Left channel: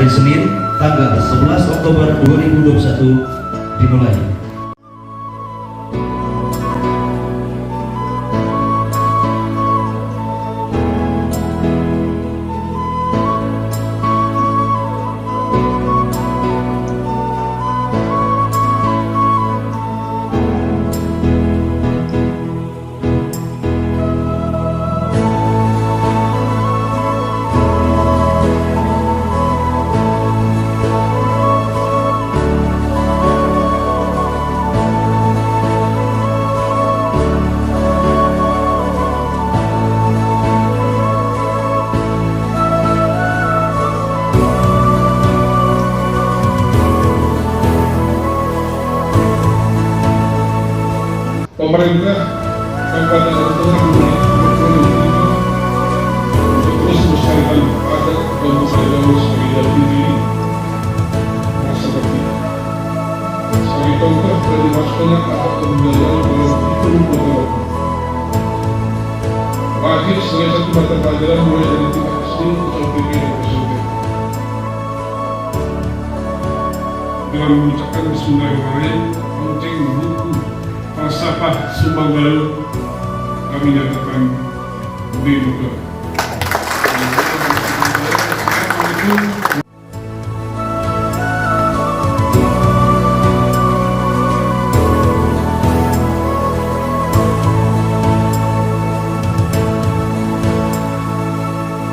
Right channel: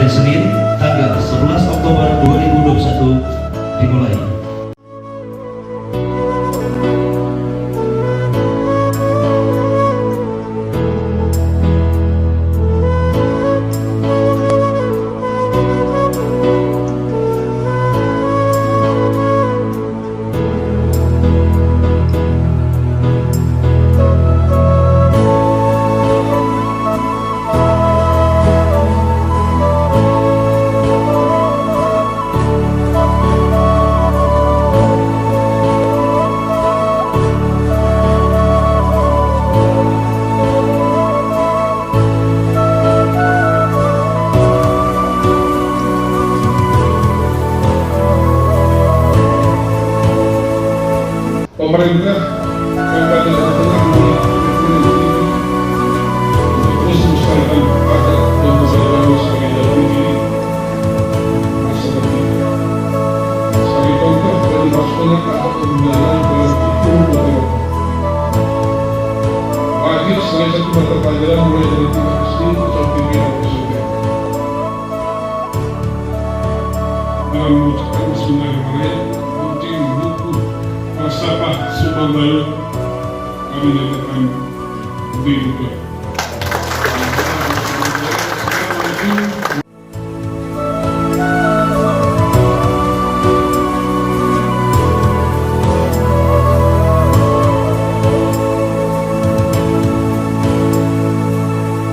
hari Senin tanggal 11 Oktober 2021 dimulai. Pemerintah Kabupaten Jawa Tengah memiliki komitmen yang tinggi untuk terus melestarikan adat dan budaya Bali sebagai jati diri masyarakat kita. Sebagai contoh dari masuknya adat dan budaya dalam kurikulum kota Bogor. Wajib sebagai satu mata pelajaran mulai dari tingkat SD, SMP, dan SMP. Dengan mengucapkan bismillahirrahmanirrahim, launching buku Falsafah Sumanggalu kami nyatakan dibuka.